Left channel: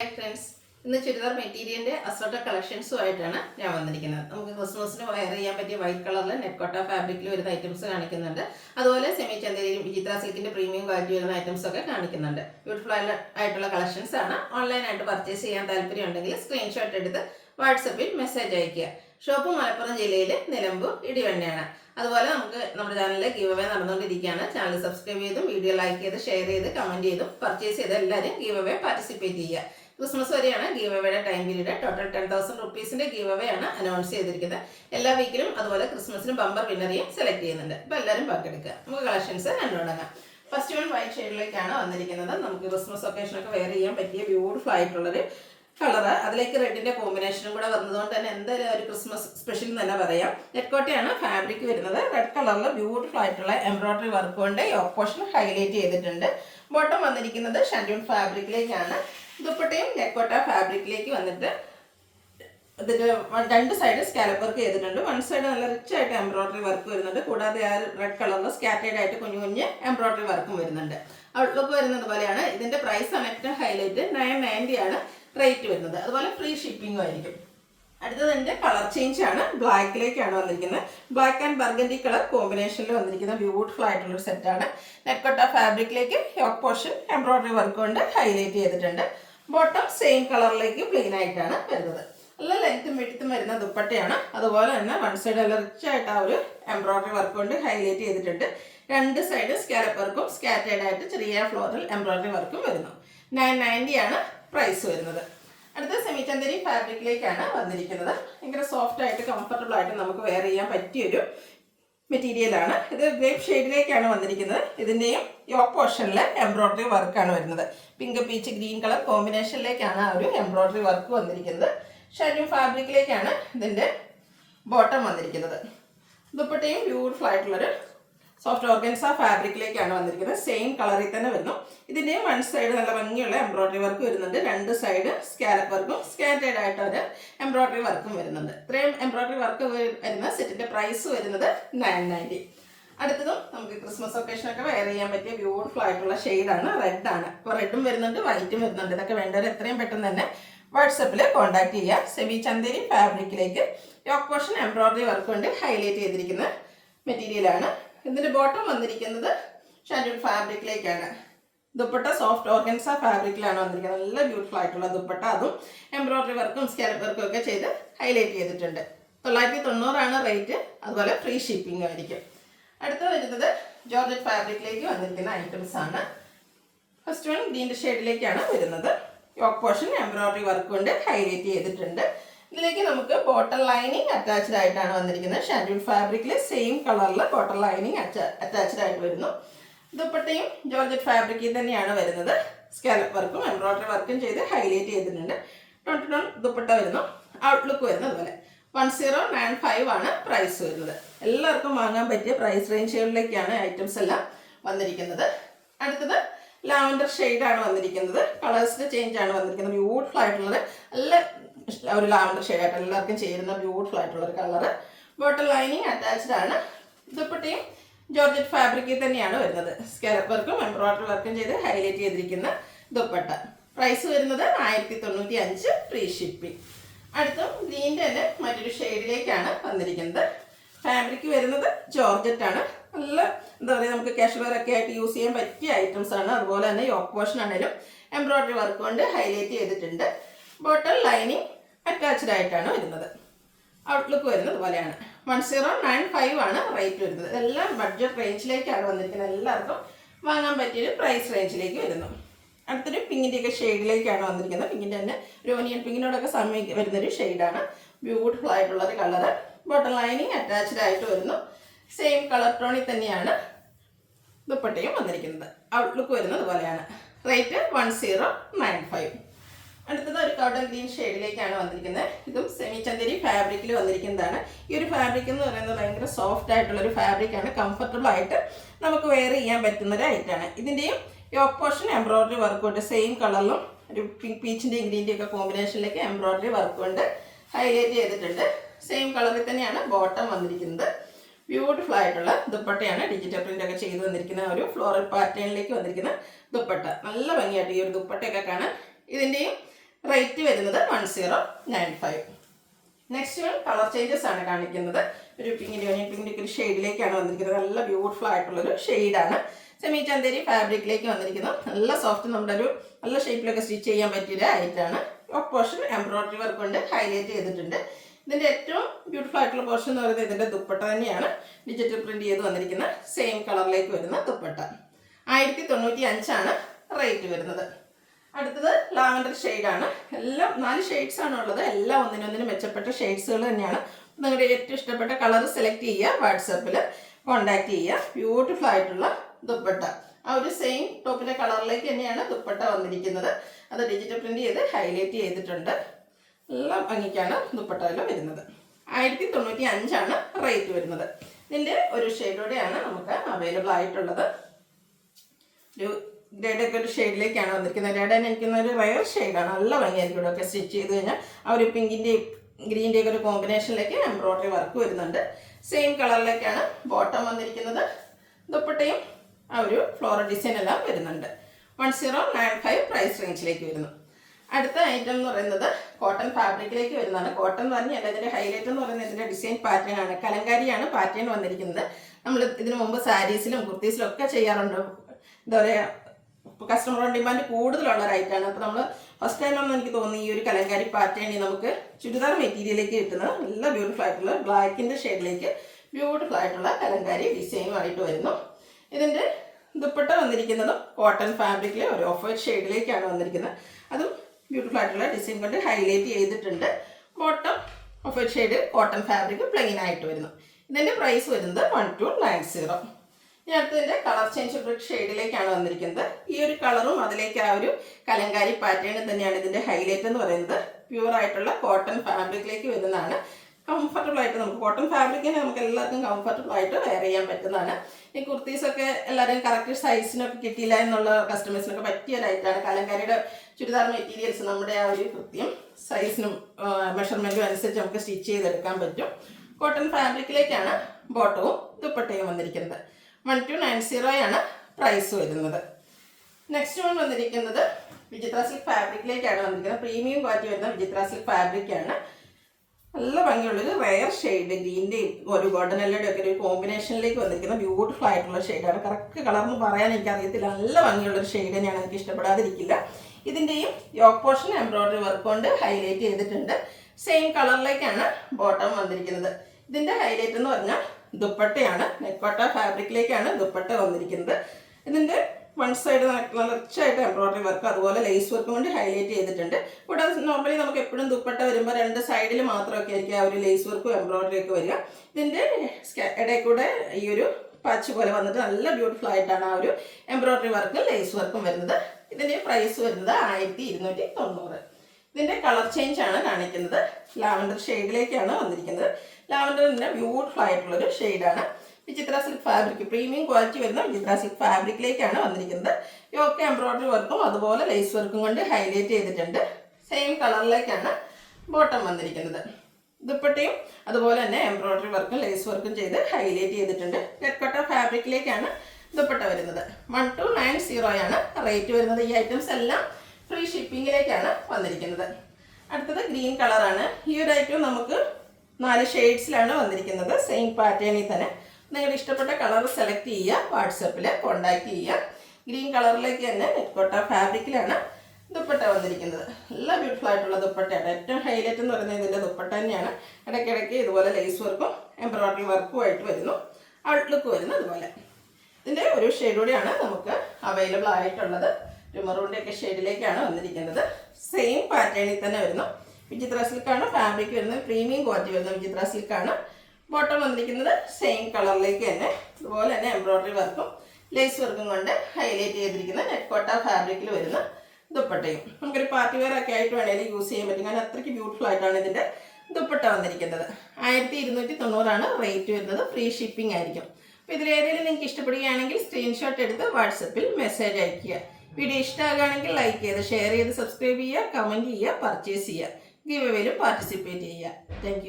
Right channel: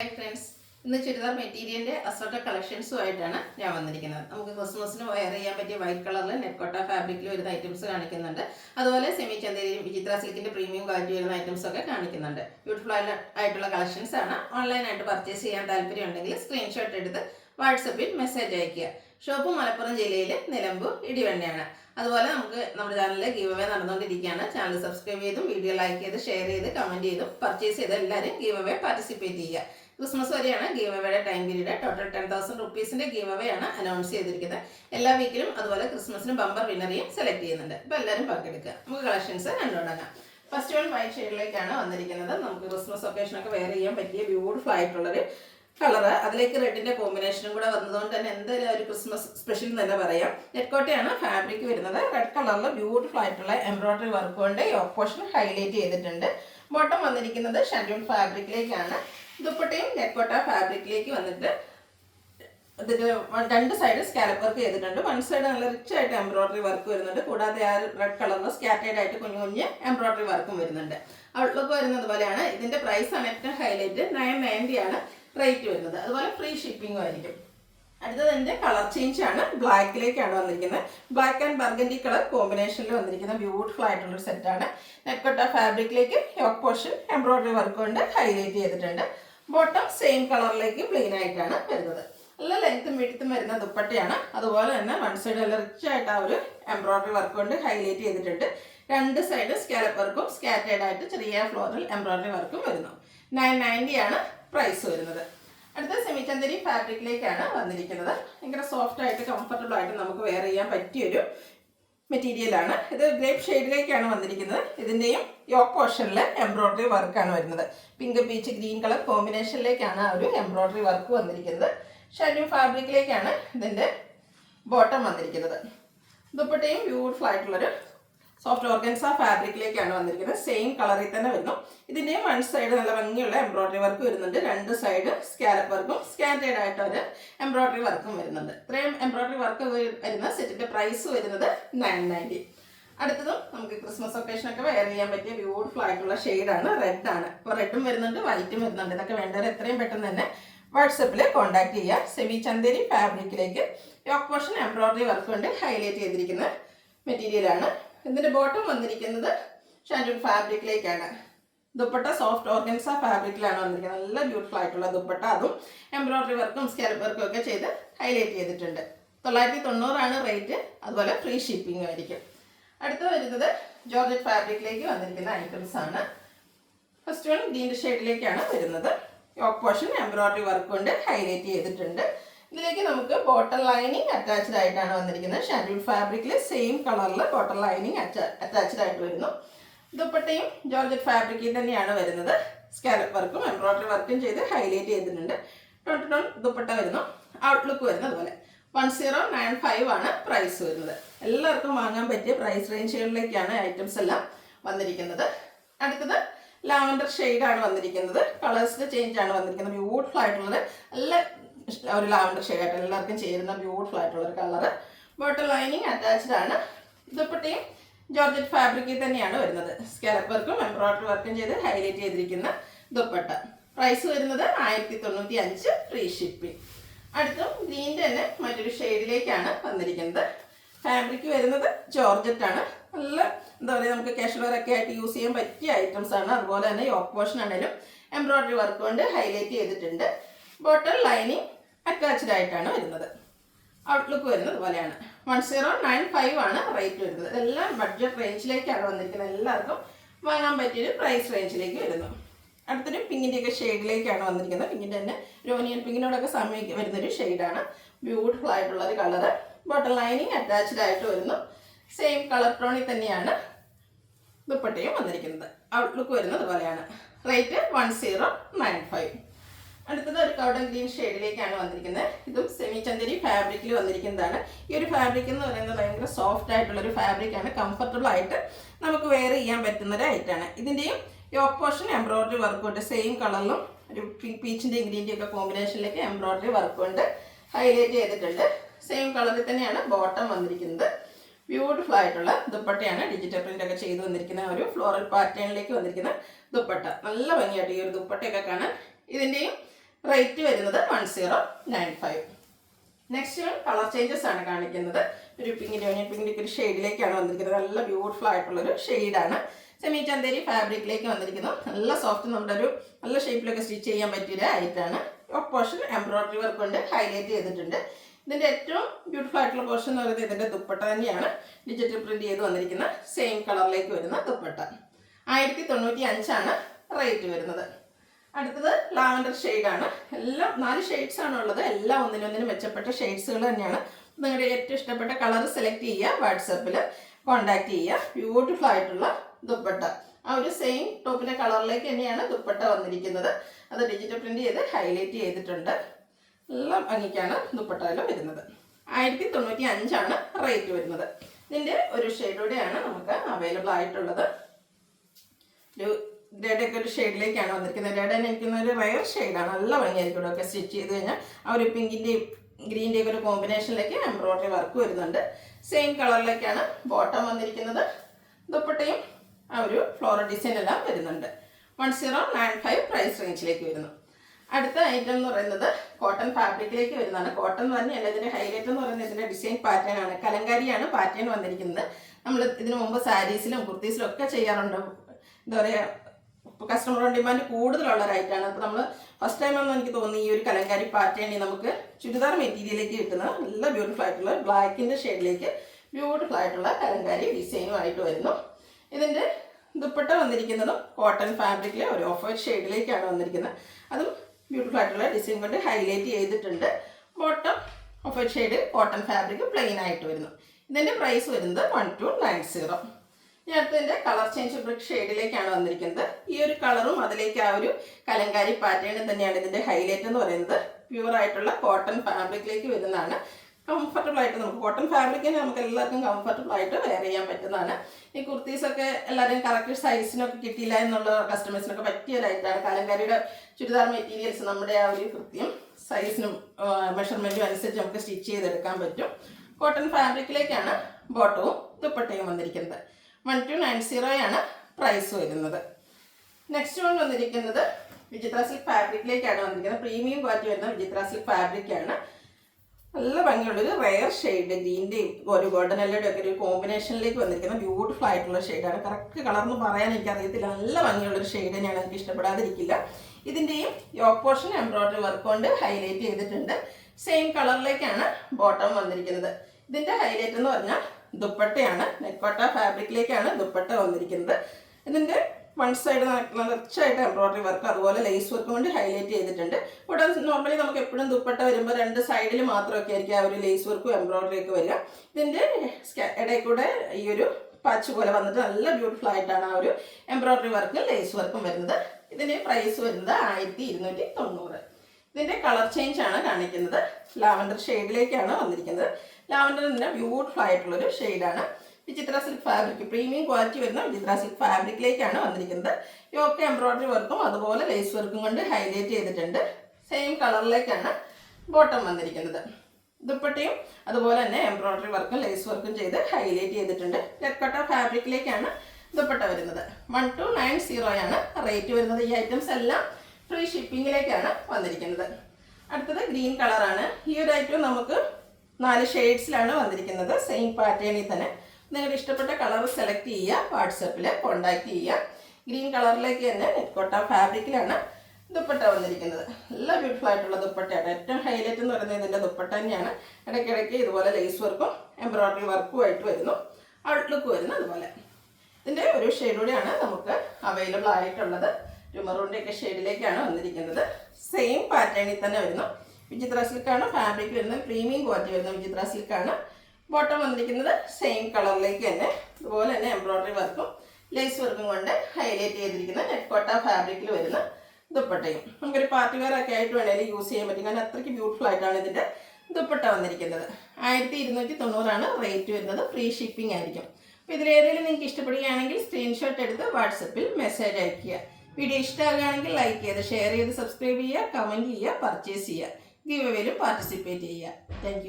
Hi friends, ഇന്ന് ചുരിദാർ മെറ്റീരിയലിൻ്റെ അസോർട്ട കളക്ഷൻസുമായിട്ടാണ് ഞാൻ വന്നിരിക്കുന്നത്. നമുക്ക് ക്രിസ്മസിന് വെയർ ചെയ്യാൻ പറ്റിയ വൈറ്റ് കളറിൽ നെക്കോട്ട ഫാബ്രിക്കിൽ വരുന്ന ഐറ്റംസ് കാണിക്കുന്നുണ്ട്. അതുപോലെ സെമി ചന്തേരിയും വിചിത്ര സിൽക്കിൻ്റെ പ്രീമിയം ക്വാളിറ്റി വരുന്ന ഐറ്റംസ് ഒക്കെ കാണിക്കുന്നുണ്ട്. ബ്യൂട്ടിഫുൾ ആയിട്ടുള്ള കളക്ഷൻസ് ആണ്. ഓൺലൈനായിട്ട് പർച്ചേസ് ചെയ്യാൻ താല്പര്യം ഉണ്ടെങ്കിൽ സ്ക്രീൻഷോട്ട് എടുത്ത് വാട്സപ്പിൽ മെസ്സേജ് അയയ്ക്കുക. ഷോപ്പ് മലപ്പുറം ജില്ലയിൽ നിലമ്പൂർ ഇടിവണ്ണയാണ്. അതുപോലെ നമുക്ക് നമ്മുടെ ചാനലിൽ ഗീവ് അവേ നടന്നുകൊണ്ടിരിക്കുകയാണ്. ചാനൽ സബ്സ്ക്രൈബ് ചെയ്തും വീഡിയോ ലൈക്ക് ചെയ്ത് ഷെയർ ചെയ്ത് കമൻറ്റ് ചെയ്തും പർച്ചേസ് ചെയ്ത് എല്ലാവരും ഗീവ് അവേ പാർട്ടിസിപ്പേറ്റ് ചെയ്യുക. ക്രിസ്മസ് വരെയാണ് ഗീവ് അവയുടെ ടൈം പീരീഡ്. ടോട്ടൽ 10,000 റുപ്പീസിന്റെ ഗീവ് അവേ ആണ് അനൗൺസ് ചെയ്തിരിക്കുന്നത്. എല്ലാ വീക്കിലും അതുപോലെ ക്രിസ്മസിനും ബമ്പർ വിന്നറിയും സെലക്ട് ചെയ്യുന്നുണ്ട്. അപ്പോൾ എല്ലാവരും പങ്കെടുക്കുക. നമുക്ക് കളക്ഷൻസ് കണ്ടുകൊണ്ടാകാം. ഫസ്റ്റ് വൺ വൈറ്റ് ഷെയ്ഡിലേക്കാണ് വന്നിരിക്കുന്നത്. നമുക്ക് ക്രിസ്മസ് ഒക്കേഷനൊക്കെ വെയർ ചെയ്യാൻ പറ്റിയ ബ്യൂട്ടിഫുൾ ആയിട്ടുള്ളൊരു കളറ്. അതിലേക്ക് റെഡിന്റെ കോമ്പിനേഷനും കൂടെ വന്നതുകൊണ്ട് തന്നെ എന്തായാലും ഒരു ക്രിസ്മസ് സ്പെഷ്യൽ തന്നെ പറയാം. നെറ്റ്കോട്ടയാണ് ഫാബ്രിക് വരുന്നത്. റെഡ് കളറിൽ ബ്യൂട്ടിഫുൾ ആയിട്ടുള്ള എംബ്രോയിഡറി വർക്ക് കൊണ്ട് യോക്ക് പോർഷൻ ഹൈലൈറ്റ് ചെയ്തിട്ടുണ്ട്. ബോട്ടം വന്നിരിക്കുന്നത് ഷാൻഡൂൺ ഫാബ്രിക്കിലേക്കാണ്. ദുപ്പട്ടയും നെറ്റ്കോട്ട ഫാബ്രിക്കിലേക്ക് വന്നിട്ട് ഇതിന് രണ്ട് സൈഡ് സ്കാലപ്പ് വർക്ക് ചെയ്തിട്ടുണ്ട്. വൺ സൈഡ് നല്ല റിച്ച് ആയിട്ട് എംബ്രോയിഡറി വർക്ക് വരുന്നുണ്ട്. കൂടാതെ ആ റെഡ് കളറിൽ സ്കാറ്റേഡ് ആയിട്ട് കുഞ്ഞു കുഞ്ഞ് എംബ്രോയിഡറി വർക്കും വരുന്നുണ്ട്. ഔട്ട്ലുക്ക് വരുന്നത് പോലെയാണ്. ഇതിന്റെ പ്രൈസ് ആണ് ഏറ്റവും ഹൈലൈറ്റ്. 990 ആണ് റേറ്റ് വരുന്നത്. അതുപോലെ ഫ്രീ ഷിപ്പിംഗും ആയിരിക്കും. അടുത്തത് എൻ്റെ കളർ ചേഞ്ച് ആണ്. ബ്ലാക്കിലേക്കാണ് വന്നിരിക്കുന്നത്. ബ്ലാക്ക് ആൻഡ് ബർഗൻഡി കളർ കോമ്പിനേഷനിൽ വന്നിരിക്കുന്ന ബ്യൂട്ടിഫുൾ ആയിട്ടുള്ളൊരു സെറ്റാണ്. നെറ്റ്കോട്ട ഫാബ്രിക്കിലേക്ക് യോക്ക് പോർഷൻ എംബ്രോയിഡറി വർക്ക് കൊണ്ട് ഹൈലൈറ്റ് ചെയ്തിട്ടുണ്ട്. ബോട്ടം സെയിം കളറിലേക്ക് പ്ലെയിൻ ആയിട്ടാണ് വരുന്നത്. നല്ല ലെങ്ത്തും വിഡ്ത്തും വരുന്ന ദുപ്പട്ടയാണ്. അതുപോലെ തന്നെ വൺ സൈഡ് നല്ല റിച്ച് ആയിട്ട് ആ ഒരു എംബ്രോയിഡറി വർക്ക് കൊണ്ട് ഹൈലൈറ്റ് ചെയ്തിട്ടുണ്ട്. രണ്ട് സൈഡ് സ്കാലപ്പ് വർക്കും സ്കാറ്റേഡ് ആയിട്ട് ചെറിയ ഫ്ലോറൽ എംബ്രോയിഡറി വർക്കും വരുന്നു. 990 ആണ് പ്രൈസ് വരുന്നത്. അടുത്ത സെമി ചന്ദേരി ഫാബ്രിക്കിലേക്കാണ് വന്നിരിക്കുന്നത്. ഭയങ്കര സോഫ്റ്റ് ആയിട്ട് കംഫർട്ടബിൾ ആയിട്ട് നമുക്ക് വെയർ ചെയ്യാൻ പറ്റിയൊരു മെറ്റീരിയലാണ്. ഇത് ഗ്രേപ്പ് ഷെയ്ഡിലേക്കാണ് വന്നിരിക്കുന്നത്. ഇതിൻ്റെയും യോക്ക് പോർഷനിൽ എംബ്രോയിഡറി വർക്കാണ് വരുന്നത്. പിങ്ക് പീച്ച് ഗ്രീൻ കളർ കോമ്പിനേഷനിലേക്കാണ് ആ ഒരു എംബ്രോയിഡറി വർക്ക് വന്നിരിക്കുന്നത്. ഷാൻഡൂൺ ഫാബ്രിക്കിലേക്കാണ് ഇതിൻ്റെ ബോട്ടം വന്നിരിക്കുന്നത്. ദുപ്പട്ടയും ബ്യൂട്ടിഫുൾ ആയിട്ടുള്ളൊരു സോഫ്റ്റ് ഓർഗൻസ ഫാബ്രിക്കിലേക്കാണ് വന്നിരിക്കുന്നത്. സെയിം കളറിൽ തന്നെ വരുന്നു. ഇതിൻ്റെയും വൺ സൈഡ് നല്ല ഭംഗിയുള്ള എംബ്രോയിഡറി വർക്ക് വരുന്നുണ്ട്. രണ്ട് സൈഡ് സ്കാലപ്പ് വർക്കും സ്കാറ്റേഡ് ആയിട്ട് ഒരു എംബ്രോയിഡറി വർക്കും വരുന്നുണ്ട്. ഇത്രയും എംബ്രോയിഡറി വർക്ക് വരുന്ന സെറ്റിന്റെ പ്രൈസ് വരുന്നത് 990. അടുത്തതും നമുക്ക് ക്രിസ്മസ് ഒക്കേഷനൊക്കെ വെയർ ചെയ്യാൻ പറ്റിയ ബ്യൂട്ടിഫുൾ ആയിട്ടുള്ള ഷെയ്ഡാണ്. റെഡ് ആണ്. ഇപ്പോൾ റെഡും വരുന്നുണ്ട്, വൈറ്റും വരുന്നുണ്ട്. ഇതൊക്കെ വേണ്ടവർ എത്രയും പെട്ടെന്ന് തന്നെ വാട്സപ്പിൽ കോൺടാക്ട് ചെയ്യുക. സെമി ചന്ദേരി ഫാബ്രിക്കിലേക്ക് യോക്ക് പോർഷൻ എംബ്രോയിഡറി വർക്ക് കൊണ്ട് ഹൈലൈറ്റ് ചെയ്തിരിക്കുന്ന മെറ്റീരിയലാണ്. ഇതിന്റെ ബോട്ടം വന്നിരിക്കുന്നത് ഷാൻഡൂൺ ഫാബ്രിക്കിലേക്കാണ്. ദുപ്പട്ട സോഫ്റ്റ് ഓർഗൻസ ഫാബ്രിക്കിലാണ് വന്നിരിക്കുന്നത്. നല്ല ബ്യൂട്ടിഫുൾ ആയിട്ടുള്ള ദുപ്പട്ട, അതും എംബ്രോയിഡറി വർക്കും സ്കാലപ്പ് വർക്കും ഒക്കെ ചെയ്ത് ഹൈലൈറ്റ് ചെയ്തിട്ടുണ്ട്. 990 ആണ് റേറ്റ്. അതുപോലെ ഫ്രീ ഷിപ്പിംഗ് ആയിരിക്കും. അടുത്ത വരുന്നത് ജോർജറ്റ് ഫാബ്രിക്കിലേക്ക് വന്നിരിക്കുന്ന ഐറ്റംസ് ആണ്. ഫസ്റ്റ് വൺ ഗ്രീൻ ഷെയ്ഡിലേക്കാണ് വരുന്നത്. യോക്ക് പോർഷൻ എംബ്രോയിഡറി വർക്ക് കൊണ്ട് ഹൈലൈറ്റ് ചെയ്തിട്ടുണ്ട്. ഇതിലേക്ക് നമുക്ക് ബോട്ടൽ ലൈനിങ് അറ്റാച്ച്ഡ് ആയിട്ടാണ് വന്നിരിക്കുന്നത്. ഷാൻഡൂൺ ഫാബ്രിക്കിൽ സെയിം കളറിൽ ബോട്ടൽ ലൈനിങ് അറ്റാച്ച്ഡ് ആയിട്ട് വരുന്നു. ദുപ്പട്ടയും ജോർജറ്റ് ഫാബ്രിക്കിൽ തന്നെയാണ് വരുന്നത്. സ്കാലപ്പ് വർക്കും എംബ്രോയിഡറി വർക്കും ചെയ്ത് ഹൈലൈറ്റ് ചെയ്തിട്ടുണ്ട്. ടോൺ ദുപ്പട്ട വരുന്നു. ഔട്ട്ലുക്ക് വരുന്നത് പോലെ 1095 ആണ് പ്രൈസ് വരുന്നത്. എല്ലാവർക്കും വാങ്ങാൻ പറ്റിയ പ്രൈസ് റേഞ്ചുകളിലേക്കാണ് ഐറ്റംസ് എല്ലാം വന്നിരിക്കുന്നത്. അടുത്തത് ലാവൻഡർ ഷെയ്ഡാണ് വന്നിരിക്കുന്നത്. കളേഴ്സിന്റെ ചേഞ്ച് ആണ് വന്നിരിക്കുന്നത്. ബ്യൂട്ടിഫുൾ ആയിട്ടുള്ളത് നല്ല ഒരു ലാവൻഡർ ഷെയ്ഡായിട്ട് എല്ലാവർക്കും ചേരുന്ന ബ്യൂട്ടിഫുൾ ആയിട്ടുള്ളൊരു കളറ്. ബോട്ടൽ ലൈനിങ് അറ്റാച്ച്ഡ് ആണ്. ദുപ്പട്ടയും ജോർജറ്റ് ഫാബ്രിക്കിൽ തന്നെയാണ് വരുന്നത്. സ്കാലപ്പ് വർക്കും എംബ്രോയിഡറി വർക്കും ചെയ്ത് ഹൈലൈറ്റ് ചെയ്തിരിക്കുന്ന ദുപ്പട്ട. പ്രൈസ് വരുന്നത് 1095 ഫ്രീ ഷിപ്പിംഗ്. അടുത്തും ഗ്രീൻ്റെ തന്നെ മറ്റൊരു ഷെയ്ഡിലേക്കാണ് വന്നിരിക്കുന്നത്. ഫാബ്രിക് വരുന്നത് ജോർജറ്റ് ആണ്. നല്ല എന്താ പറയുക, നമുക്ക് കാഷ്വൽ ഒക്കെ ആയിട്ട് യൂസ് ചെയ്യാൻ പറ്റിയ ഐറ്റംസ് ആണ്. അതുപോലെ തന്നെ യോക്ക് പോർഷൻ ആണെങ്കിലും എംബ്രോയിഡറി വർക്ക് കൊണ്ട് ഹൈലൈറ്റ് ചെയ്തിട്ടുണ്ട്. ബോട്ടൽ ലൈനിങ് അറ്റാച്ച്ഡ് ആയിട്ടാണ് വരുന്നത്. ഔട്ട്ലുക്ക് വരുന്നത് പോലെയാണ്. 1095 ആണ് റേറ്റ് വരുന്നത്. എല്ലാം ബഡ്ജറ്റ് റേഞ്ചിലേക്കാണ് വന്നിരിക്കുന്നത്. എല്ലാവർക്കും വാങ്ങാൻ പറ്റിയൊരു പ്രൈസ് റേഞ്ചിലേക്ക് വരുന്നു. അടുത്തൊരു പിങ്കിൻ്റെയൊക്കെ ഷെയ്ഡിലേക്കാണ് വന്നിരിക്കുന്നത്. പിങ്കിൻ്റെ തന്നെ ഒരു ഓനിയൻ പിങ്കിനോടൊക്കെ വരുന്നൊരു ഷെയ്ഡാണ്. ബ്യൂട്ടിഫുൾ ആയിട്ടുള്ളൊരു കളറ്. ബോട്ടൽ ലൈനിങ് അറ്റാച്ച്ഡ് ആയിട്ട് വരുന്നു. സെയിം കളർ ടോണിൽ തന്നെയാണ് ദുപ്പട്ടയും വന്നിരിക്കുന്നത്. ഔട്ട്ലുക്ക് വരുന്നത് പോലെയാണ്. റേറ്റ് 1095. അടുത്തത് ഒരു കോട്ടൺ ഗ്രീൻ ഷെയ്ഡിലേക്കാണ് വന്നിരിക്കുന്നത്. ഇതും സെമി ചന്ദേരി ഫാബ്രിക്കിൽ വന്നിരിക്കുന്നതാണ്. ഈ ഒരു ഫാബ്രിക് എന്ന് പറയുന്നത് ഭയങ്കര സോഫ്റ്റ് ആയിട്ടുള്ളൊരു ഫാബ്രിക്കാണ്. കംഫർട്ടബിൾ ആയിട്ട് നമുക്ക് വെയർ ചെയ്യാൻ പറ്റുന്നൊരു ഐറ്റാണ്. ഇതിൻ്റെയും യോക്ക് പോർഷൻ എംബ്രോയിഡറി വർക്ക് കൊണ്ട് സെയിം കളറിലും ഒരു പിങ്ക് പീച്ചിൻ്റെ ഗ്രീൻ്റെ ഒക്കെ കോമ്പിനേഷനിലേക്ക് എംബ്രോയിഡറി വർക്ക് കൊണ്ട് ഹൈലൈറ്റ് ചെയ്തിട്ടുണ്ട്. സെയിം കളറിൽ തന്നെയാണ് ബോട്ടം വന്നിരിക്കുന്നത്. ബ്യൂട്ടിഫുൾ ആയിട്ടുള്ള ദുപ്പട്ടയാണ്. ഡിജിറ്റൽ പ്രിന്റ് ഒക്കെ ചെയ്ത് വന്നിരിക്കുന്ന ഒരു ഫ്ലോറൽ പാറ്റേണിലേക്ക് വന്നിരിക്കുന്ന ദുപ്പട്ട. നല്ല ഭംഗിയായിട്ട് ഈ ഒരു ദുപ്പട്ടയൊക്കെ കാണാൻ. ഇതിൻ്റെയും റേറ്റ് വരുന്നത് 1095. നെക്സ്റ്റ് വൺ കളർ ചേഞ്ചസ് ആണ് കാണിക്കുന്നത്. ഒരു പിങ്കിൻ്റെ ഒരു ഷെയ്ഡിലേക്കാണ് വന്നിരിക്കുന്നത്. നല്ല ബ്യൂട്ടിഫുൾ ആയിട്ടുള്ളൊരു ഷെയ്ഡാണ്. സെമി ചന്തേരി ഫാബ്രിക്കിലേക്ക് വന്നിരിക്കുന്നത്. നല്ല സോഫ്റ്റ്, നമ്മുടെ ഒരു നല്ല ഷേപ്പിലൊക്കെ സ്റ്റിച്ച് ചെയ്യാൻ പറ്റിയ ആയിട്ടാണ്. യോക്ക് പോർഷൻ എംബ്രോയിഡറി വർക്ക് കൊണ്ട് ഹൈലൈറ്റ് ചെയ്തിട്ടുണ്ട്. ഇതിൻ്റെ ഏറ്റവും ബ്യൂട്ടിഫുൾ ആയിട്ടുള്ള പോർഷൻ എന്ന് പറയുന്നത് ഇതിൻ്റെ ദുപ്പട്ട തന്നെയാണ്. ഡിജിറ്റൽ പ്രിന്റ് ചെയ്ത് വന്നിരിക്കുന്ന സെയിം കളറിലേക്ക് വരുന്ന ദുപ്പട്ട. 1095 റേറ്റ് വരുന്നത്. അടുത്തത് ലാവൻഡർ ഷെയ്ഡാണ്. എല്ലാം 4 ഷെയ്ഡ്സ് ആണ് ഉള്ളത്. എല്ലാം ഒന്നിനൊന്നിനും മെച്ചപ്പെട്ട ഷെയ്ഡ്സുകൾ തന്നെയാണ്. നിങ്ങളുടെ ഏറ്റവും ഇഷ്ടപ്പെട്ട കളർ സെലക്ട് ചെയ്യുക, വാട്സാപ്പിൽ കോൺടാക്ട് ചെയ്യുക. ബ്യൂട്ടിഫുൾ ആയിട്ടുള്ള ദുപ്പട്ട. ആ ഒരു സെയിം ടോപ്പിൻ്റെ കളറിലേക്ക് തന്നെയാണ് ദുപ്പട്ട വന്നിരിക്കുന്നത്. അത് ഡിജിറ്റൽ പ്രിന്റ് ചെയ്ത് ഹൈലൈറ്റ് ചെയ്തിട്ടുണ്ട്. എല്ലാം ഭംഗിക്കാണ് ദുപ്പട്ടയിൽ വരുന്നത്. 1095 റേറ്റ് വരുന്നത്. ഇതിൻ്റെ ഒരു ഷെയ്ഡോടെയാണ് നമുക്ക് അവൈലബിൾ ആയിട്ടുള്ളത്. ഒരു ഗ്രേഡൊക്കെ ഒരു ഷെയ്ഡിലേക്കാണ് വന്നിരിക്കുന്നത്. ഗ്രേഡ് എനിക്കുന്ന ഒരു റയർ ഷെയ്ഡാണ്. നല്ല ഭംഗിയായിരിക്കും ഇവിടെയൊക്കെ സ്റ്റിച്ച് ചെയ്ത് കഴിഞ്ഞാൽ. ആ ഒരു പിങ്കിൻ്റെയും ഗ്രീൻ്റെയൊക്കെ ഒരു കോമ്പിനേഷനിലേക്ക് എംബ്രോയിഡറി വർക്ക് വരുന്നുണ്ട്. സെയിം കളറിലേക്കാണ് ബോട്ടം വന്നിരിക്കുന്നത്. ദുപ്പട്ടയും ആ ഒരു ഫ്ലോറൽ ഡിസൈൻ എല്ലാം വരുന്നുണ്ട്. 1095 പ്രൈസ് റേഞ്ചിലേക്ക് വരുന്നു. അടുത്ത ഐറ്റം എന്ന് പറയുന്നത് കോട്ടൺ ഫാബ്രിക്കിലേക്ക് വരുന്നതാണ്. കോട്ടൺ തന്നെയല്ല, ഇതിൻ്റെ ഹൈലൈറ്റ് എന്ന് പറയുന്നത് ഇതിൻ്റെ ഡിസൈൻ പാറ്റേൺ ആണ്. കലങ്കാരിയാണ് പാറ്റേൺ വന്നിരിക്കുന്നത്. നമ്മൾ ഇതിനു മുമ്പ് സാരീസിലും കുർത്തീസിലും ഒക്കെ ചെയ്യാറുണ്ട്. എന്താ പറയുക, കസ്റ്റമർ ഡിമാൻഡ് കൂടുതലുള്ള ഒരു ഐറ്റമാണ്. അപ്പോൾ നമ്മൾ ഫസ്റ്റ് ടൈം ആണെന്ന് എനിക്ക് തോന്നുന്നു ഈ ഒരു കലങ്കാരി പാറ്റേണിൽ നമുക്ക് ചുരിദാർ മെറ്റീരിയലിലേക്ക് കിട്ടുന്നത്. നല്ല ബ്യൂട്ടിഫുൾ ആയിട്ടുള്ള ബ്ലാക്കിൻ്റെ ഷെയ്ഡിലേക്ക് ബ്യൂട്ടിഫുൾ ആയിട്ടുള്ള കലങ്കാരി ഡിസൈനുമായിട്ട് വരുന്നു. ഇതിൻ്റെ ദുപ്പട്ട വന്നിരിക്കുന്നതും കോട്ടൺ ഫാബ്രിക്കിലെ ഒരു ഓഫ് വൈറ്റ് ഷെയ്ഡിലേക്കാണ് വന്നിരിക്കുന്നത്. അതും ബ്യൂട്ടിഫുൾ ആയിട്ടുള്ള ഡിസൈൻ കൊണ്ട് ഹൈലൈറ്റ് ചെയ്തിട്ടുണ്ട്. Bottom off white shade cotton fabric plain ആയിട്ട് വരുന്നു. ഇതിൻ്റെ പ്രൈസ് വരുന്നത് 1290. ഇനി അടുത്തതിൻ്റെ കളർ ചേഞ്ച് ബ്രിക്ക് ഷെയ്ഡിലേക്കാണ് വന്നിരിക്കുന്നത്. ഈ ഒരു കളറും അതിലേക്ക് ആ ഒരു കലങ്കാരി പാറ്റേൺ തന്നെയാണ് ഇതിൻ്റെ ഹൈലൈറ്റ് എന്ന് പറയുന്നത്. പ്യുവർ ആയിട്ടുള്ള കോട്ടൺ ഫാബ്രിക്കിലേക്ക് വരുന്നതാണ്. കംഫർട്ടബിൾ ആയിട്ട് നമുക്ക് കോട്ടൺ ഫാബ്രിക്കിന് നമുക്ക് എല്ലാവർക്കും കംഫർട്ടബിൾ ആയിട്ട് വെയർ ചെയ്യാൻ പറ്റുന്നതാണ്. ഈ കുർത്തീസൊക്കെ എല്ലാവരും കറക്റ്റ് സൈസിനൊക്കെ കിട്ടിയില്ല എന്നുള്ള കസ്റ്റമേഴ്സിനൊക്കെ പറ്റിയതായിട്ടാണ്. കലങ്കാരിയുടെ ചുരിദാർ മെറ്റീരിയൽസ് നമ്മുടെ ആ ഒരു കൃത്യം സൈസിനും മെഷർമെൻറ്റും അനുസരിച്ച് നമുക്ക് സ്റ്റിച്ച് ചെയ്തെടുക്കാൻ പറ്റും. കോട്ടൺ ഫാബ്രിക്കിലേക്കാണ് ബോട്ടവും ദുപ്പട്ടയും വന്നിരിക്കുന്നത്. 1290 പ്രൈസ് വരുന്നത്. നെക്സ്റ്റ് വൺ വന്നിരിക്കുന്നത് വിചിത്ര സിൽക്ക് ഫാബ്രിക്കിലേക്കാണ് വന്നിരിക്കുന്നത്. പ്രീമിയം ക്വാളിറ്റി വരുന്ന വിചിത്ര സിൽക്ക് ഫാബ്രിക്കാണ്. നല്ല ഭംഗിയുള്ളൊരു റയർ ഷെയ്ഡ്, ഗ്രീൻ്റെയും ഒരു ഗോൾഡൻ എല്ലയുടെ ഒക്കെ ഒരു കോമ്പിനേഷനിലേക്ക് വന്നിരിക്കുന്ന ബ്യൂട്ടിഫുൾ ആയിട്ടുള്ള ഷെയ്ഡാണ്. കറക്റ്റ് കളർന്ന് പറയാൻ എനിക്കറിയത്തില്ല. നല്ല ഭംഗിയുള്ളൊരു ഷെയ്ഡ് തന്നെയാണ്, എനിക്ക് ഇഷ്ടപ്പെടാതിരിക്കില്ല. ഇതിൻ്റെയും യോക്ക് പോർഷൻ എംബ്രോയിഡറി വർക്ക് കൊണ്ട് ഹൈലൈറ്റ് ചെയ്തിട്ടുണ്ട്. സെയിം കളറിലേക്കാണ് ബോട്ടം വന്നിരിക്കുന്നത്. ഇതിൻ്റെ ഹൈലൈറ്റ് എന്ന് പറഞ്ഞാൽ ദുപ്പട്ടയാണ്. നെക്കോട്ട ഫാബ്രിക്കിലേക്കാണ് ദുപ്പട്ട വന്നിരിക്കുന്നത്. ഇതിൻ്റെ വൺ സൈഡ് നിറച്ചായിട്ട് എംബ്രോയിഡറി വർക്ക് അതുപോലെ ലേസ് വർക്ക് കൊണ്ട് ഹൈലൈറ്റ് ചെയ്തിട്ടുണ്ട്. ഇവിടെ നോർമലി നമുക്ക് എപ്പോഴും ദുപ്പട്ട വരുമ്പോൾ 2 സൈഡിൽ മാത്രമൊക്കെ ആയിരിക്കും ആ ഒരു ലേസ് വർക്കും എംബ്രോയിഡറി ഒക്കെ വരിക. ഇതിൻ്റെ ഇടയിൽ കൂടെ ഈ ഒരു പാച്ച് പോലെ വന്നിട്ട് നല്ല ബ്യൂട്ടിഫുൾ ആയിട്ടാണ് ആ ഒരു എംബ്രോയിഡറി വർക്കും ലേസ് വർക്കും വരുന്നത്. ഇതിൻ്റെ പ്രൈസ് വരുന്നത് 1290. ഇതിൻ്റെ കളർ ചേഞ്ച് ആണ് കാണിക്കുന്നത്. ലാവൻഡർ ഷെയ്ഡിലേക്കാണ് വന്നിരിക്കുന്നത്. ലാവൻഡറിൻ്റെ ബ്യൂട്ടിഫുൾ ആയിട്ടുള്ളൊരു ഷെയ്ഡാണ്. വിചിത്ര സിൽക്ക് ഫാബ്രിക് പ്രീമിയം ക്വാളിറ്റി വരുന്ന വിചിത്ര സിൽക്ക് ഫാബ്രിക്കിലേക്കാണ് വന്നിരിക്കുന്നത്. യോക്ക് എംബ്രോയിഡറി വർക്കും അതുപോലെ ലേസ് വർക്കും കൊണ്ട് ഹൈലൈറ്റ് ചെയ്തിട്ടുണ്ട്. സെയിം കളറിലേക്കാണ് ബോട്ടം വന്നിരിക്കുന്നത്. ദുപ്പട്ടയും അതുപോലെ തന്നെ എംബ്രോയിഡറി വർക്കും ലേസ് വർക്കും ചെയ്ത് ഹൈലൈറ്റ് ചെയ്തിട്ടുണ്ട്. നെക്കോട്ട ഫാബ്രിക്കിലേക്കാണ് ദുപ്പട്ട വരുന്നത്. 1290 റേറ്റ് വരുന്നത്. ഈ ഐറ്റംസ് എല്ലാം ഫ്രീ ഷിപ്പിങ്ങിലേക്കാണ് വന്നിരിക്കുന്നത്. അടുത്തത് ഗ്രീൻ കളറാണ്. ഈ ഒരു ഐറ്റം നമുക്ക് 4 ഷെയ്ഡ്സിലാണ് വന്നിരിക്കുന്നത്. സെയിം പാറ്റേണിൽ തന്നെ നിങ്ങളുടെ ഇഷ്ടപ്പെട്ട കളർ സെലക്ട് ചെയ്യുക, വാട്സപ്പിൽ കോൺടാക്ട് ചെയ്യുക. ഗ്രീൻ കളറിലേക്ക് തന്നെ നെക്കോട്ട ഫാബ്രിക്കിലാണ് ദുപ്പട്ട വന്നിരിക്കുന്നത്. നല്ല ബ്യൂട്ടിഫുൾ ആയിട്ടുള്ള ദുപ്പട്ടയാണ്. ഏറ്റവും ഹൈലൈറ്റ് എന്ന് പറയുന്നത് ഇതിൻ്റെ ദുപ്പട്ട തന്നെയാണ്. ഇടയ്ക്കിടയ്ക്ക് ഇതുപോലെ ലേസ് വർക്കും എംബ്രോയിഡറി വർക്കും ആയിട്ട് വരുന്നു. ഔട്ട്ലുക്ക് വരുന്നു അതുപോലെ. ഇതിൻ്റെ ഒരു ഷെയ്ഡൂടെയാണ് നമുക്ക് അവൈലബിൾ ആയിട്ടുള്ളത്. ഒരു മെറൂണിൻ്റെയൊക്കെ ഷെയ്ഡിലേക്കാണ് വന്നിരിക്കുന്നത്. സെയിം പാറ്റേണിൽ തന്നെ വരുന്നു. വിചിത്ര സിൽക്കാണ് ഫാബ്രിക് വരുന്നത്. പ്രീമിയം ക്വാളിറ്റി വരുന്ന വിചിത്ര സിൽക്കാണ്. ബോട്ടം വന്നിരിക്കുന്നത് സെയിം കളറിലേക്ക് തന്നെ അതുപോലെ തന്നെ എംബ്രോയിഡറി വർക്കും ലേസ് വർക്കും കൊണ്ട് ഹൈലൈറ്റ് ചെയ്തിരിക്കുന്ന നെക്കോട്ട ഫാബ്രിക്കിൽ വരുന്ന ദുപ്പട്ടയും. നമുക്കൊരു പാർട്ടി വെയർ ഒക്കെ ആയിട്ട് വേണമെങ്കിൽ യൂസ് ചെയ്യാൻ പറ്റും. കാരണം അത്രയ്ക്ക് ബ്യൂട്ടിഫുൾ ആയിട്ടാണ് ഇതിൻ്റെ ദുപ്പട്ട വന്നിരിക്കുന്നത്. 1290 റേറ്റ് വരുന്നത്. ഫ്രീ ഷിപ്പിംഗ് ആയിരിക്കും. അപ്പോൾ ഇതിലേതെങ്കിലും നിങ്ങൾക്ക് ഇഷ്ടപ്പെടുകയാണെങ്കിൽ സ്ക്രീൻഷോട്ട് എടുത്ത് വാട്സപ്പിൽ മെസ്സേജ് അയയ്ക്കുക. വീഡിയോ ഇഷ്ടമാകുകയാണെങ്കിൽ ലൈക്ക് ചെയ്ത് ഷെയർ ചെയ്ത് സബ്സ്ക്രൈബ് ചെയ്യുക, കമൻറ്റ് ചെയ്യുക, പർച്ചേസ് ചെയ്യുക. ഗിവ് അവേയിലും പാർട്ടിസിപ്പേറ്റ് ചെയ്യുക. താങ്ക്